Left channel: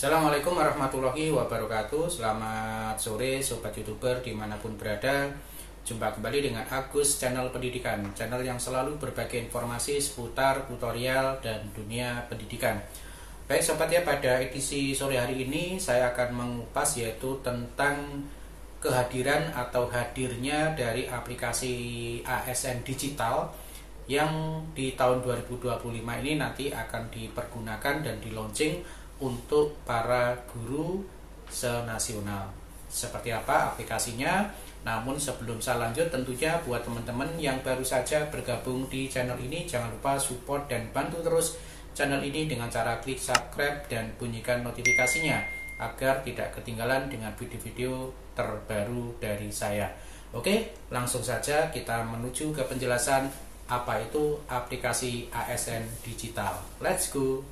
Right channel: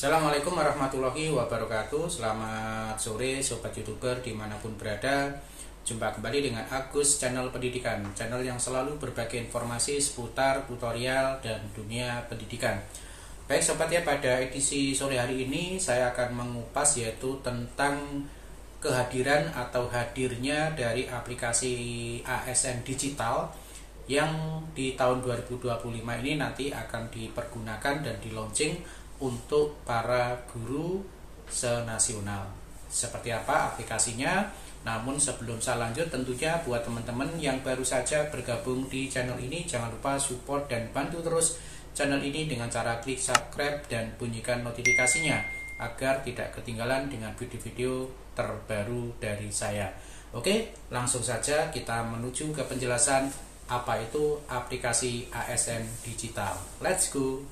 Assalamualaikum warahmatullahi wabarakatuh. Selamat sore Sobat Youtuber dimanapun berada. Jumpa kembali dengan Agus Channel Pendidikan, channel yang selalu berbagi informasi seputar tutorial dan dunia pendidikan. Baik Sobat ya, pada edisi sore hari ini saya akan mengupas yaitu tentang kehadiran atau hadirnya dari aplikasi ASN digital yang di tahun 2025 ini nanti akan dipergunakan dan di launching untuk para guru senasional. Seperti apa aplikasinya? Namun sebelum saya lanjut, tentunya buat teman-teman yang baru saja bergabung di channel ini, jangan lupa support dan bantu terus channel ini dengan cara klik subscribe dan bunyikan notifikasinya agar tidak ketinggalan dengan video-video terbaru dari saya. Oke, langsung saja kita menuju ke penjelasan apa itu aplikasi ASN digital. Let's go.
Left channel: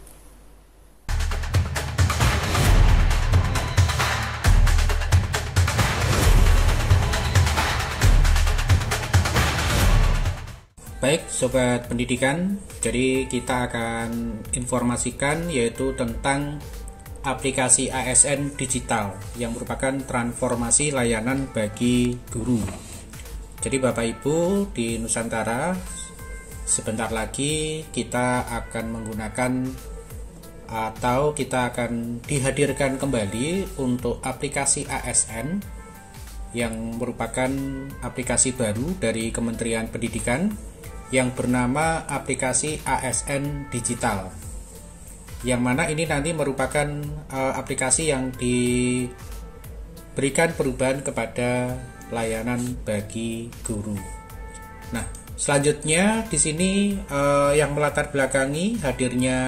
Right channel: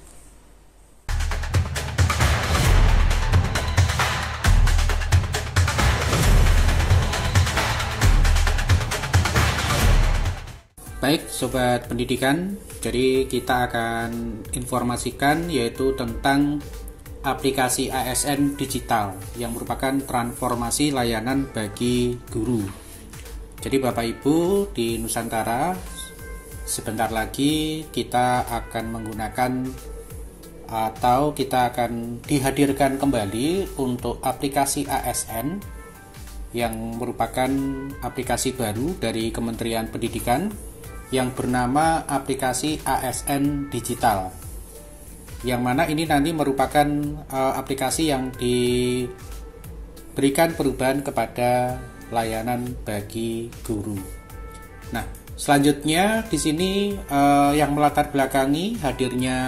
Baik Sobat Pendidikan, jadi kita akan informasikan yaitu tentang aplikasi ASN digital yang merupakan transformasi layanan bagi guru. Jadi Bapak Ibu di Nusantara, sebentar lagi kita akan menggunakan atau kita akan dihadirkan kembali untuk aplikasi ASN yang merupakan aplikasi baru dari Kementerian Pendidikan yang bernama aplikasi ASN Digital, yang mana ini nanti merupakan aplikasi yang diberikan perubahan kepada layanan bagi guru. Nah, selanjutnya di sini yang melatar belakangi hadirnya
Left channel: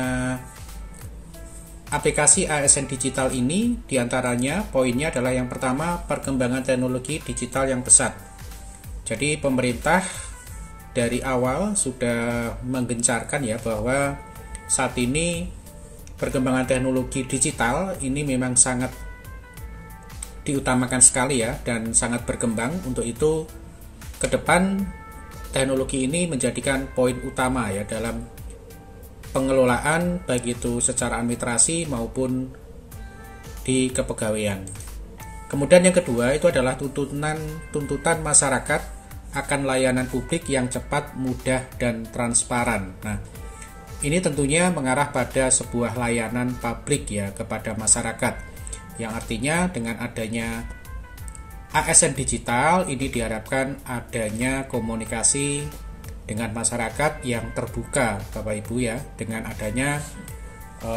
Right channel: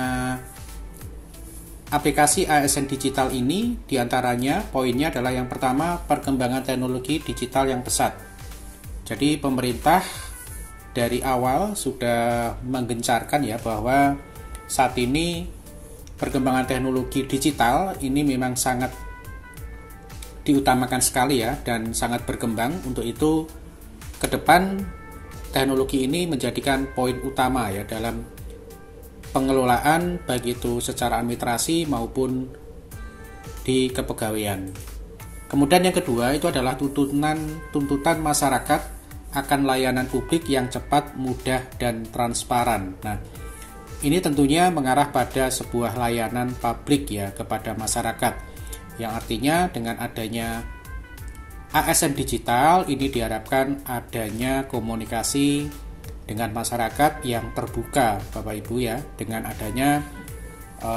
aplikasi ASN Digital ini diantaranya poinnya adalah yang pertama, perkembangan teknologi digital yang pesat. Jadi pemerintah dari awal sudah menggencarkan ya bahwa saat ini perkembangan teknologi digital ini memang sangat diutamakan sekali ya dan sangat berkembang. Untuk itu ke depan teknologi ini menjadikan poin utama ya dalam pengelolaan baik itu secara administrasi maupun di kepegawaian. Kemudian yang kedua itu adalah tuntutan masyarakat akan layanan publik yang cepat, mudah, dan transparan. Nah, ini tentunya mengarah pada sebuah layanan publik ya kepada masyarakat, yang artinya dengan adanya ASN digital ini diharapkan adanya komunikasi dengan masyarakat yang terbuka, Bapak Ibu ya, dengan adanya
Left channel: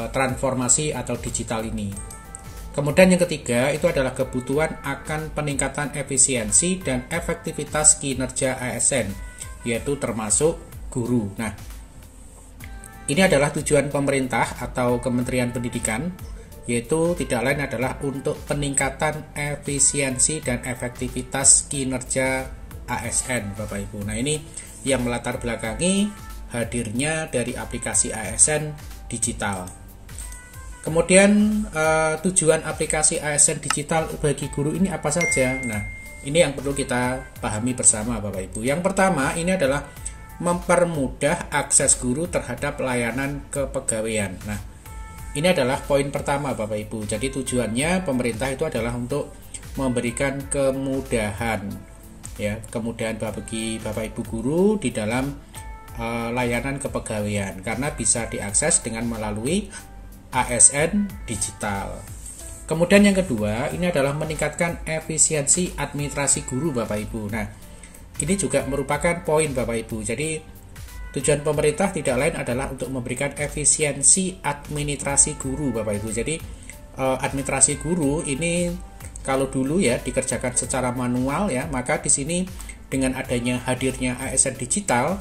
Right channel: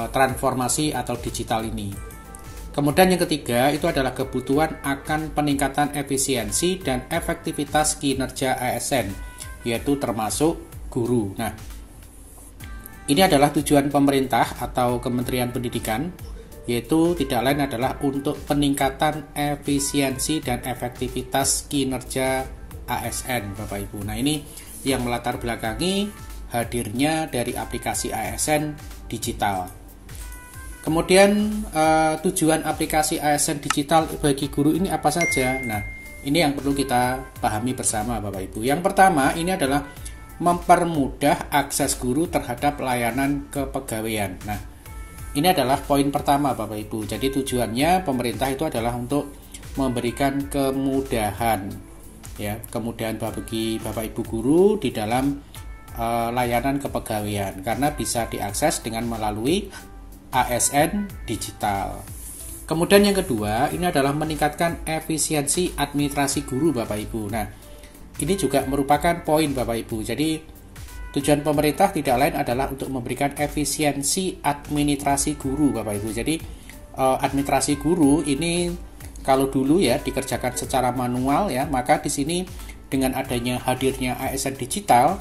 transformasi atau digital ini. Kemudian yang ketiga itu adalah kebutuhan akan peningkatan efisiensi dan efektivitas kinerja ASN, yaitu termasuk guru. Nah, ini adalah tujuan pemerintah atau Kementerian Pendidikan, yaitu tidak lain adalah untuk peningkatan efisiensi dan efektivitas kinerja ASN, Bapak Ibu. Nah, ini yang melatar belakangi hadirnya dari aplikasi ASN digital. Kemudian tujuan aplikasi ASN digital bagi guru ini apa saja? Nah, ini yang perlu kita pahami bersama Bapak Ibu. Yang pertama ini adalah mempermudah akses guru terhadap layanan kepegawaian. Nah, ini adalah poin pertama Bapak Ibu. Jadi tujuannya pemerintah itu adalah untuk memberikan kemudahan ya, kemudahan bagi Bapak Ibu guru di dalam layanan kepegawaian karena bisa diakses dengan melalui ASN digital. Kemudian yang kedua ini adalah meningkatkan efisiensi administrasi guru Bapak Ibu. Nah, ini juga merupakan poin Bapak Ibu. Jadi tujuan pemerintah tidak lain adalah untuk memberikan efisiensi administrasi guru Bapak Ibu. Jadi administrasi guru ini kalau dulu ya dikerjakan secara manual ya, maka di sini dengan adanya hadirnya ASN digital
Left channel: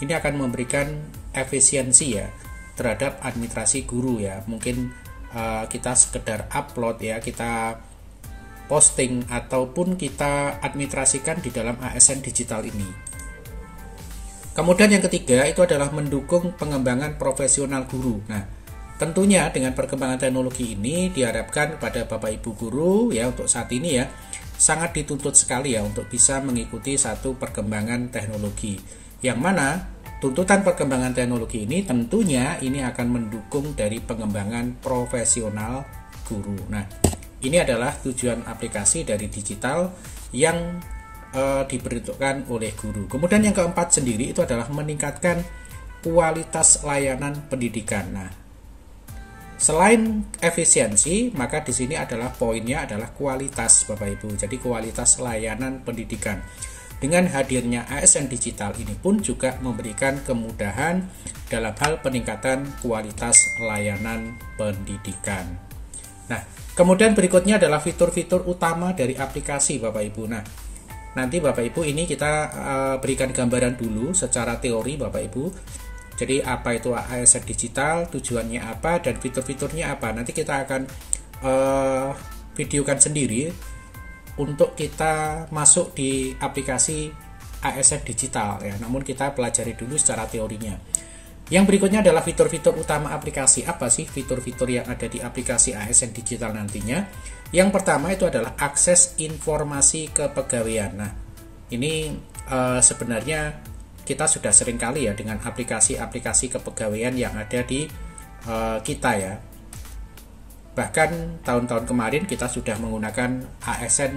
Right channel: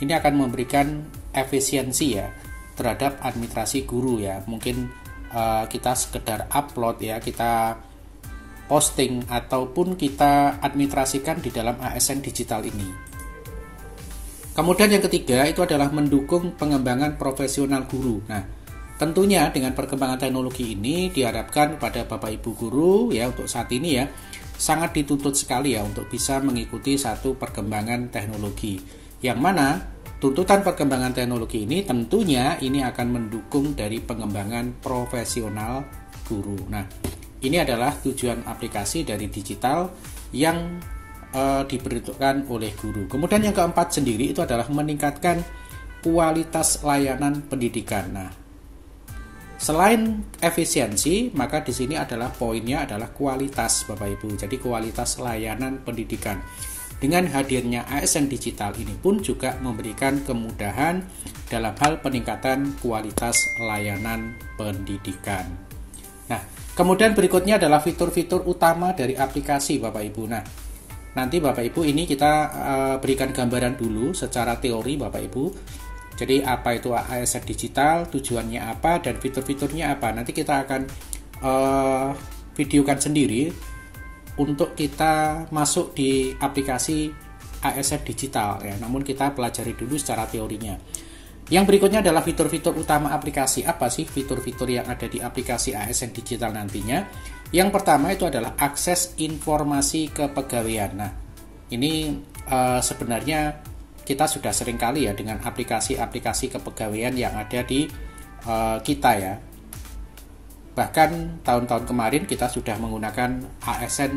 ini akan memberikan efisiensi ya terhadap administrasi guru ya. Mungkin kita sekedar upload ya, kita posting ataupun kita administrasikan di dalam ASN digital ini. Kemudian yang ketiga itu adalah mendukung pengembangan profesional guru. Nah, tentunya dengan perkembangan teknologi ini diharapkan pada Bapak Ibu guru ya untuk saat ini ya sangat dituntut sekali ya untuk bisa mengikuti satu perkembangan teknologi. Yang mana tuntutan perkembangan teknologi ini tentunya ini akan mendukung dari pengembangan profesional guru. Nah, ini adalah tujuan aplikasi dari digital yang diperuntukkan oleh guru. Kemudian yang keempat sendiri itu adalah meningkatkan kualitas layanan pendidikan. Nah, selain efisiensi, maka di sini adalah poinnya adalah kualitas, Bapak Ibu. Jadi kualitas layanan pendidikan. Dengan hadirnya ASN digital ini pun juga memberikan kemudahan dalam hal peningkatan kualitas layanan pendidikan. Nah, kemudian berikutnya adalah fitur-fitur utama dari aplikasi, Bapak Ibu. Nah, nanti Bapak Ibu ini kita berikan gambaran dulu secara teori, Bapak Ibu. Jadi apa itu ASN digital, tujuannya apa, dan fitur-fiturnya apa. Nanti kita akan videokan sendiri untuk kita masuk di aplikasi ASN digital ya. Namun kita pelajari dulu secara teorinya. Yang berikutnya adalah fitur-fitur utama aplikasi. Apa sih fitur-fitur yang ada di aplikasi ASN digital nantinya? Yang pertama itu adalah akses informasi kepegawaian. Nah, ini sebenarnya kita sudah sering kali ya dengan aplikasi-aplikasi kepegawaian yang ada di kita ya. Bahkan tahun-tahun kemarin kita sudah menggunakan ASN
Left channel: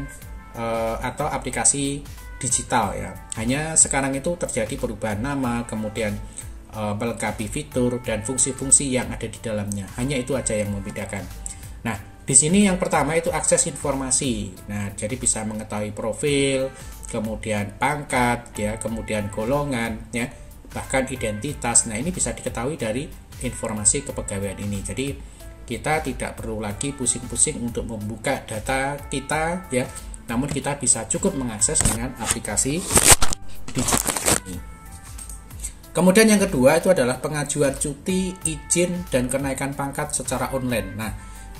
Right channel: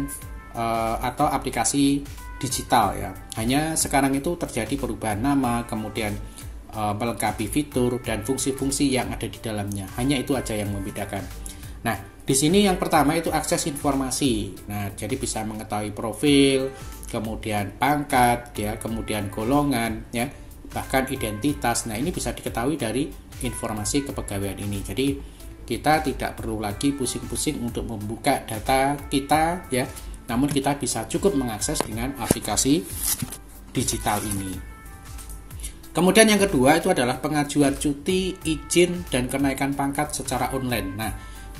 atau aplikasi digital ya. Hanya sekarang itu terjadi perubahan nama, kemudian melengkapi fitur dan fungsi-fungsi yang ada di dalamnya. Hanya itu aja yang membedakan. Nah, di sini yang pertama itu akses informasi. Nah, jadi bisa mengetahui profil, kemudian pangkat, ya, kemudian golongan, ya, bahkan identitas. Nah, ini bisa diketahui dari informasi kepegawaian ini. Jadi kita tidak perlu lagi pusing-pusing untuk membuka data kita, ya. Namun kita bisa cukup mengakses dengan aplikasi digital ini. Kemudian yang kedua itu adalah pengajuan cuti, izin, dan kenaikan pangkat secara online. Nah,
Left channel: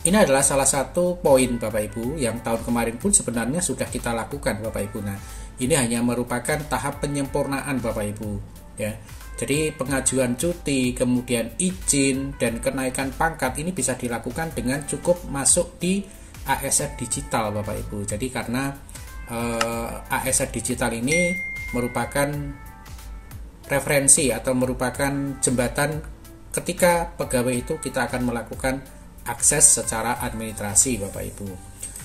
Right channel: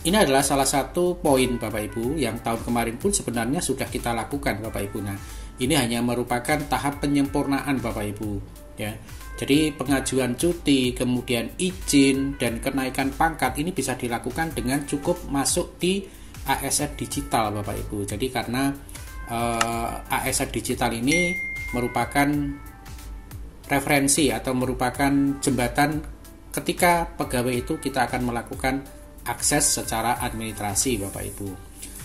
ini adalah salah satu poin Bapak Ibu yang tahun kemarin pun sebenarnya sudah kita lakukan Bapak Ibu. Nah, ini hanya merupakan tahap penyempurnaan Bapak Ibu, ya. Jadi pengajuan cuti, kemudian izin, dan kenaikan pangkat ini bisa dilakukan dengan cukup masuk di ASN digital Bapak Ibu. Jadi karena ASN digital ini merupakan referensi atau merupakan jembatan ketika pegawai itu kita akan melakukan akses secara administrasi Bapak Ibu.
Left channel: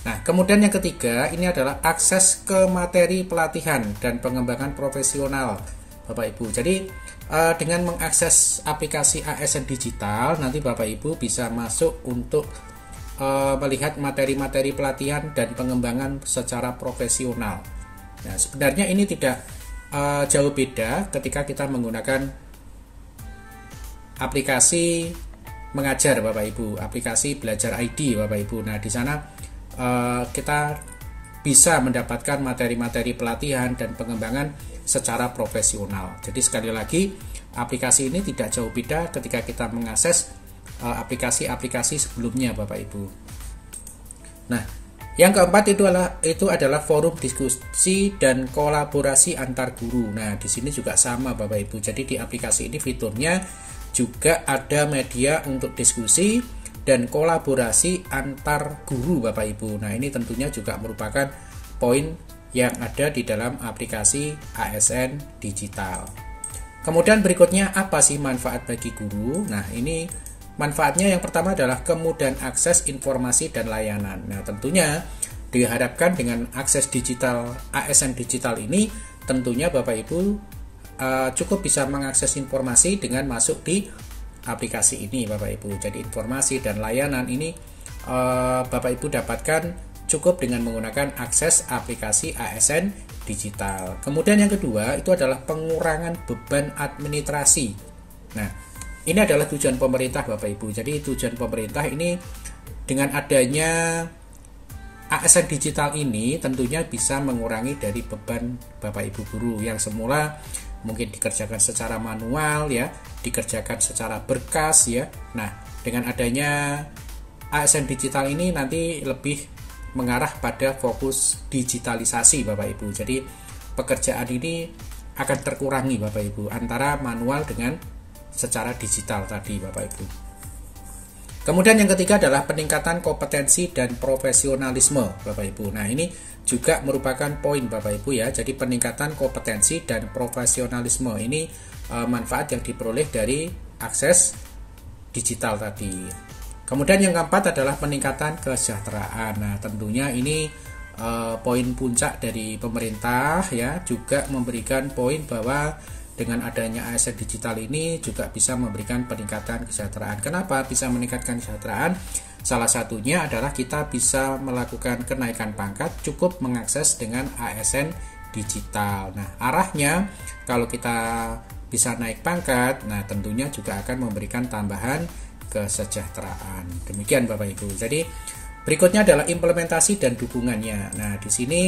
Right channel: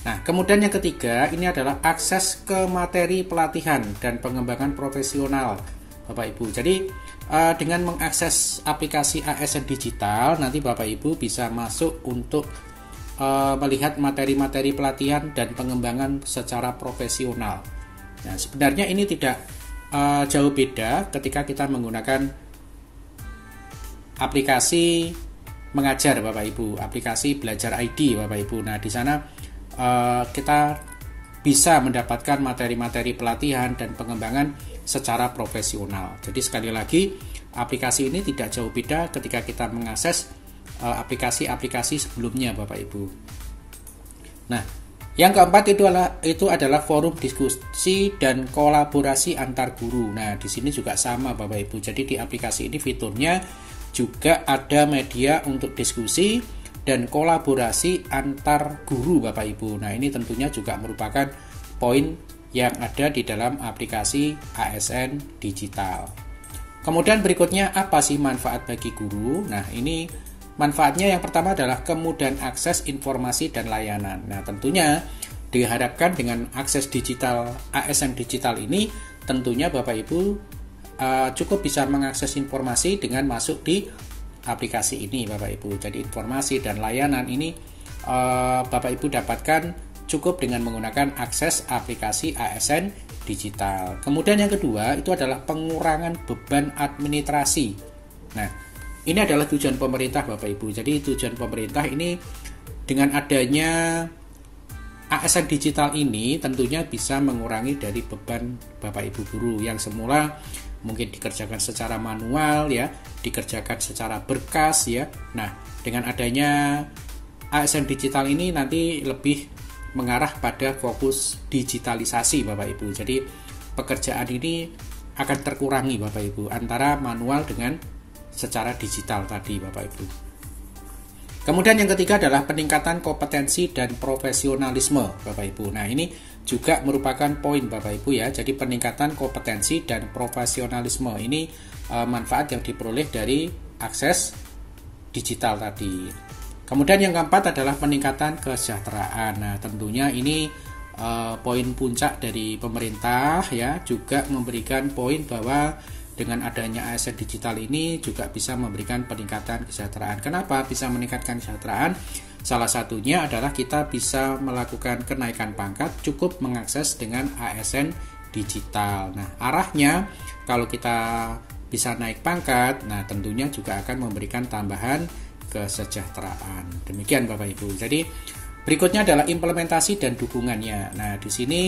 Nah, kemudian yang ketiga ini adalah akses ke materi pelatihan dan pengembangan profesional Bapak Ibu. Jadi dengan mengakses aplikasi ASN digital nanti Bapak Ibu bisa masuk untuk melihat materi-materi pelatihan dan pengembangan secara profesional. Nah, sebenarnya ini tidak jauh beda ketika kita menggunakan aplikasi mengajar Bapak Ibu, aplikasi belajar ID Bapak Ibu. Nah, di sana kita bisa mendapatkan materi-materi pelatihan dan pengembangan secara profesional. Jadi sekali lagi, aplikasi ini tidak jauh beda ketika kita mengakses aplikasi-aplikasi sebelumnya Bapak Ibu. Nah, yang keempat itu adalah forum diskusi dan kolaborasi antar guru. Nah, di sini juga sama Bapak Ibu. Jadi di aplikasi ini fiturnya juga ada media untuk diskusi dan kolaborasi antar guru Bapak Ibu. Nah, ini tentunya juga merupakan poin yang ada di dalam aplikasi ASN digital. Kemudian berikutnya apa sih manfaat bagi guru? Nah, ini manfaatnya yang pertama adalah kemudahan akses informasi dan layanan. Nah, tentunya diharapkan dengan akses digital ASN digital ini tentunya Bapak Ibu cukup bisa mengakses informasi dengan masuk di aplikasi ini Bapak Ibu. Jadi informasi dan layanan ini Bapak Ibu dapatkan cukup dengan menggunakan akses aplikasi ASN digital. Kemudian yang kedua itu adalah pengurangan beban administrasi. Nah, ini adalah tujuan pemerintah Bapak Ibu. Jadi tujuan pemerintah ini dengan adanya ASN digital ini tentunya bisa mengurangi dari beban Bapak Ibu guru yang semula mungkin dikerjakan secara manual ya, dikerjakan secara berkas ya. Nah, dengan adanya ASN digital ini nanti lebih mengarah pada fokus digitalisasi Bapak Ibu. Jadi pekerjaan ini akan terkurangi Bapak Ibu antara manual dengan secara digital tadi Bapak Ibu. Kemudian yang ketiga adalah peningkatan kompetensi dan profesionalisme Bapak Ibu. Nah, ini juga merupakan poin Bapak Ibu ya. Jadi peningkatan kompetensi dan profesionalisme ini manfaat yang diperoleh dari akses digital tadi. Kemudian yang keempat adalah peningkatan kesejahteraan. Nah, tentunya ini poin puncak dari pemerintah ya, juga memberikan poin bahwa dengan adanya ASN digital ini juga bisa memberikan peningkatan kesejahteraan. Kenapa bisa meningkatkan kesejahteraan? Salah satunya adalah kita bisa melakukan kenaikan pangkat cukup mengakses dengan ASN digital. Nah, arahnya kalau kita bisa naik pangkat, nah tentunya juga akan memberikan tambahan kesejahteraan. Demikian Bapak Ibu. Jadi berikutnya adalah implementasi dan dukungannya. Nah, di sini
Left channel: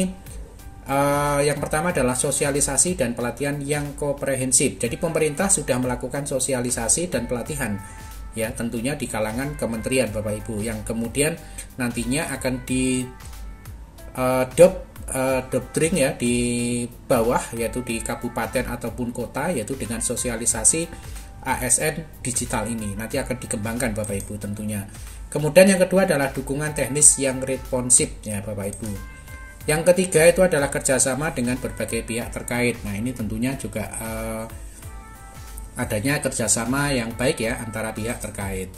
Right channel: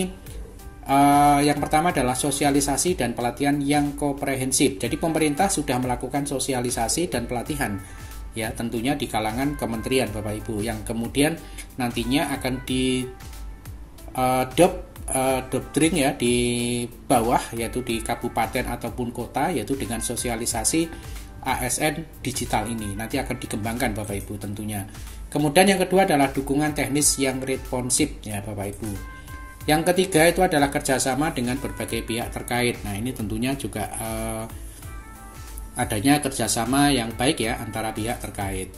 yang pertama adalah sosialisasi dan pelatihan yang komprehensif. Jadi pemerintah sudah melakukan sosialisasi dan pelatihan ya, tentunya di kalangan kementerian Bapak Ibu, yang kemudian nantinya akan di doktrin ya di bawah, yaitu di kabupaten ataupun kota, yaitu dengan sosialisasi ASN digital ini nanti akan dikembangkan Bapak Ibu tentunya. Kemudian yang kedua adalah dukungan teknis yang responsif ya Bapak Ibu. Yang ketiga itu adalah kerjasama dengan berbagai pihak terkait. Nah, ini tentunya juga adanya kerjasama yang baik ya antara pihak terkait.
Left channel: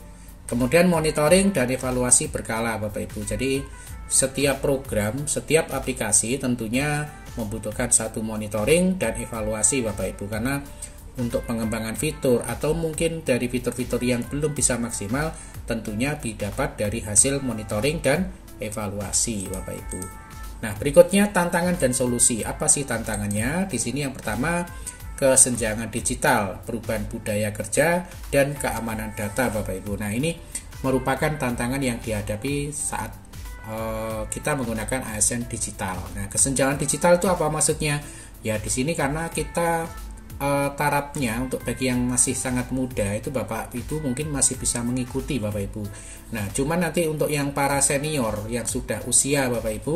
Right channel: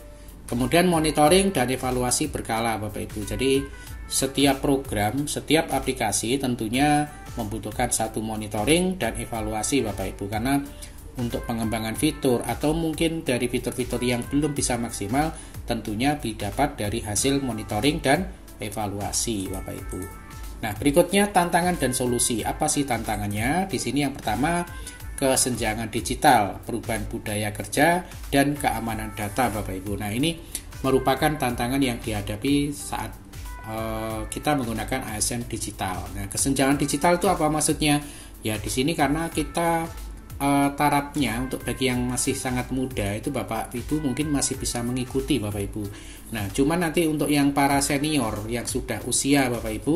Kemudian monitoring dan evaluasi berkala Bapak Ibu. Jadi setiap program, setiap aplikasi tentunya membutuhkan satu monitoring dan evaluasi Bapak Ibu, karena untuk pengembangan fitur atau mungkin dari fitur-fitur yang belum bisa maksimal tentunya didapat dari hasil monitoring dan evaluasi Bapak Ibu. Nah, berikutnya tantangan dan solusi. Apa sih tantangannya? Di sini yang pertama kesenjangan digital, perubahan budaya kerja, dan keamanan data Bapak Ibu. Nah, ini merupakan tantangan yang dihadapi saat kita menggunakan ASN digital. Nah, kesenjangan digital itu apa maksudnya? Ya, di sini karena kita tarafnya untuk bagi yang masih sangat muda itu Bapak Ibu mungkin masih bisa mengikuti Bapak Ibu. Nah, cuman nanti untuk yang para senior yang sudah usia Bapak Ibu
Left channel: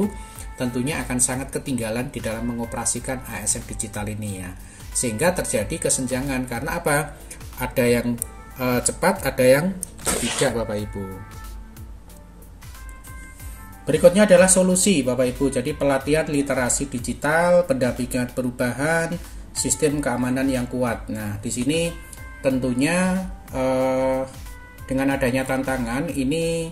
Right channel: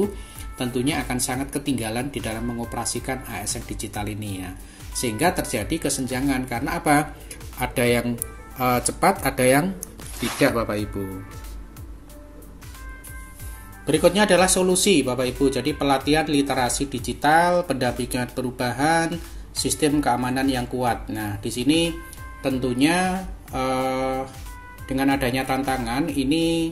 tentunya akan sangat ketinggalan di dalam mengoperasikan ASN digital ini ya. Sehingga terjadi kesenjangan karena apa? Ada yang cepat, ada yang tidak Bapak Ibu. Berikutnya adalah solusi Bapak Ibu. Jadi pelatihan literasi digital, pendampingan perubahan, sistem keamanan yang kuat. Nah, di sini tentunya dengan adanya tantangan ini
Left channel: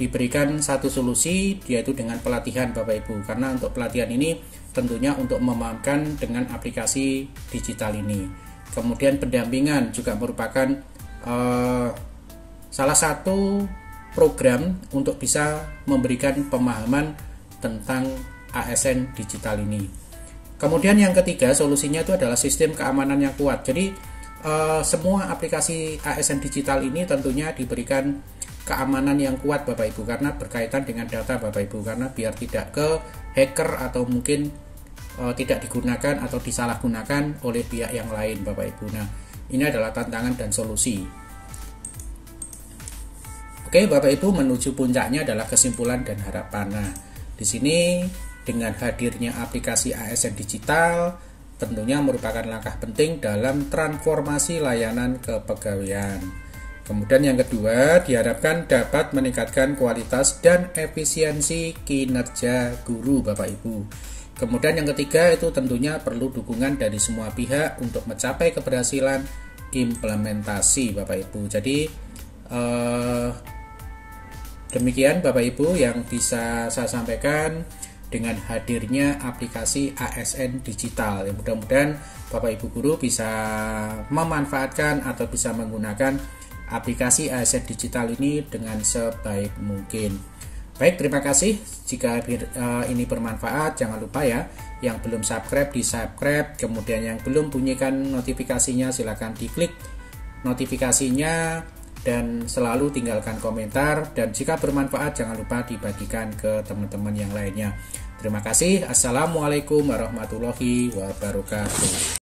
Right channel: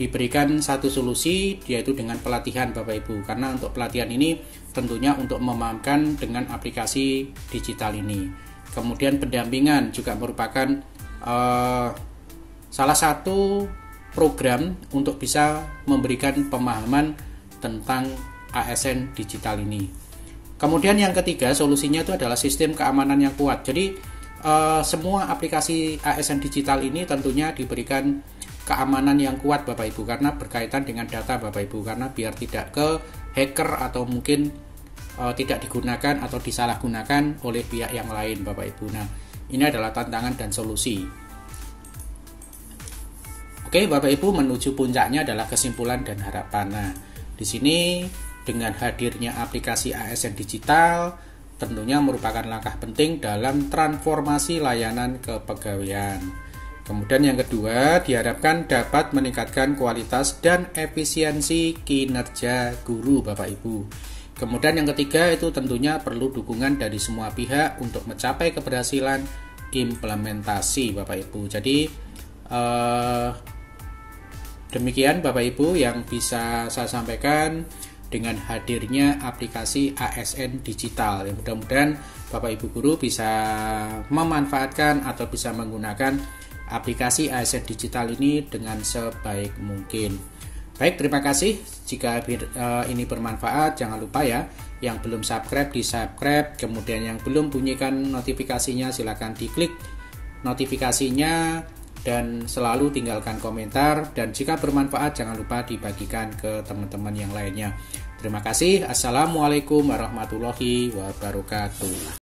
diberikan satu solusi, yaitu dengan pelatihan Bapak Ibu. Karena untuk pelatihan ini tentunya untuk memahamkan dengan aplikasi digital ini. Kemudian pendampingan juga merupakan salah satu program untuk bisa memberikan pemahaman tentang ASN digital ini. Kemudian yang ketiga solusinya itu adalah sistem keamanan yang kuat. Jadi semua aplikasi ASN digital ini tentunya diberikan keamanan yang kuat Bapak Ibu, karena berkaitan dengan data Bapak Ibu, karena biar tidak ke hacker atau mungkin tidak digunakan atau disalahgunakan oleh pihak yang lain Bapak Ibu. Nah, ini adalah tantangan dan solusi. Oke Bapak Ibu, menuju puncaknya adalah kesimpulan dan harapan. Nah, di sini dengan hadirnya aplikasi ASN digital tentunya merupakan langkah penting dalam transformasi layanan kepegawaian. Kemudian yang kedua, diharapkan dapat meningkatkan kualitas dan efisiensi kinerja guru Bapak Ibu. Kemudian yang ketiga itu tentunya perlu dukungan dari semua pihak untuk mencapai keberhasilan implementasi Bapak Ibu. Jadi demikian Bapak Ibu yang bisa saya sampaikan dengan hadirnya aplikasi ASN digital. Mudah-mudahan Bapak Ibu guru bisa memanfaatkan atau bisa menggunakan aplikasi ASN digital ini dengan sebaik mungkin. Baik, terima kasih. Jika ini bermanfaat, jangan lupa ya, yang belum subscribe di subscribe, kemudian yang belum bunyikan notifikasinya silahkan diklik notifikasinya dan selalu tinggalkan komentar, dan jika bermanfaat jangan lupa dibagikan ke teman-teman yang lainnya. Terima kasih. Assalamualaikum warahmatullahi wabarakatuh.